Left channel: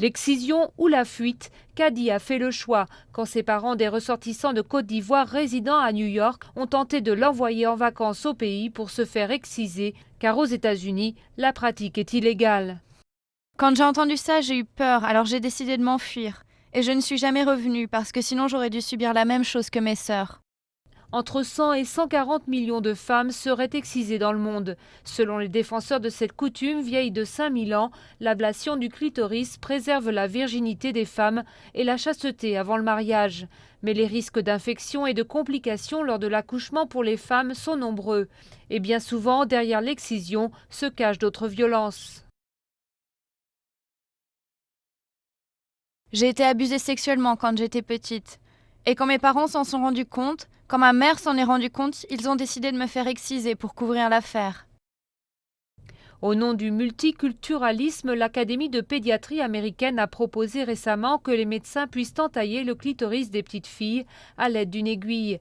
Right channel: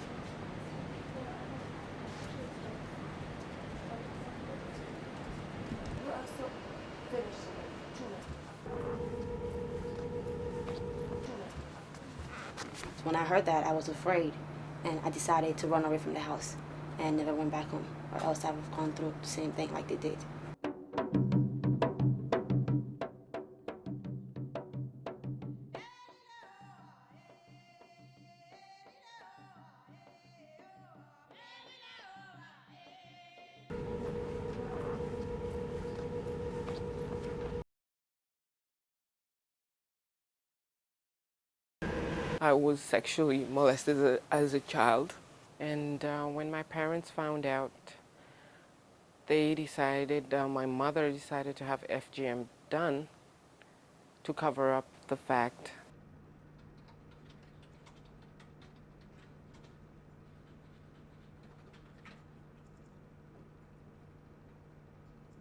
L'excision ou la fuite, Kadi a fait le choix quand ses parents, des ressortissants de Côte d'Ivoire résidant à New York, ont tenté de l'envoyer en vacances au pays pour se faire exciser, car aux États-Unis, la pratique est illégale. Quand j'ai entendu ça, j'ai eu peur, alors j'ai décidé de m'enfuir. Et je ne suis jamais revenue parce que sinon j'aurais dû subir la même chose que mes sœurs. Entre 100 et 140 millions de femmes seraient excisées dans le monde. Selon les défenseurs de cette coutume vieille de 5000 ans, l'ablation du clitoris préserve la virginité des femmes et la chasteté avant le mariage. Mais les risques d'infection et de complications lors de l'accouchement pour les femmes sont nombreux. Et bien souvent, derrière l'excision se cachent d'autres violences. J'ai été abusée sexuellement quand j'étais petite. Et quand mes parents s'en sont rendus compte, quand ma mère s'en est rendue compte, ils ont décidé de me faire exciser pour couvrir l'affaire. Au nom du multiculturalisme, l'Académie de pédiatrie américaine a proposé récemment que les médecins puissent entailler le clitoris des petites filles à l'aide d'une aiguille.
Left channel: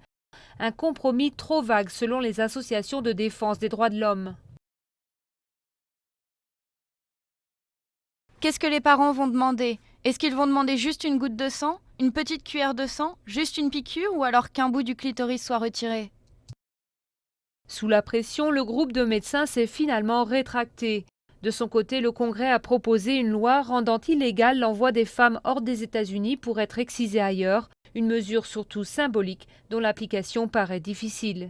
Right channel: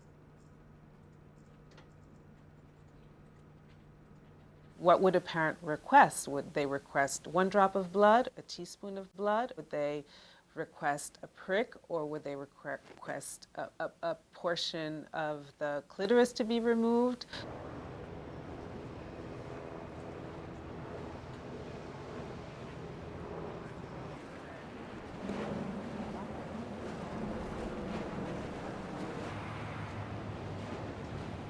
Un compromis trop vague selon les associations de défense des droits de l'homme. Qu'est-ce que les parents vont demander? Est-ce qu'ils vont demander juste une goutte de sang, une petite cuillère de sang, juste une piqûre ou alors qu'un bout du clitoris soit retiré? Sous la pression, le groupe de médecins s'est finalement rétracté. De son côté, le Congrès a proposé une loi rendant illégal l'envoi des femmes hors des États-Unis pour être excisées ailleurs, une mesure surtout symbolique dont l'application paraît difficile.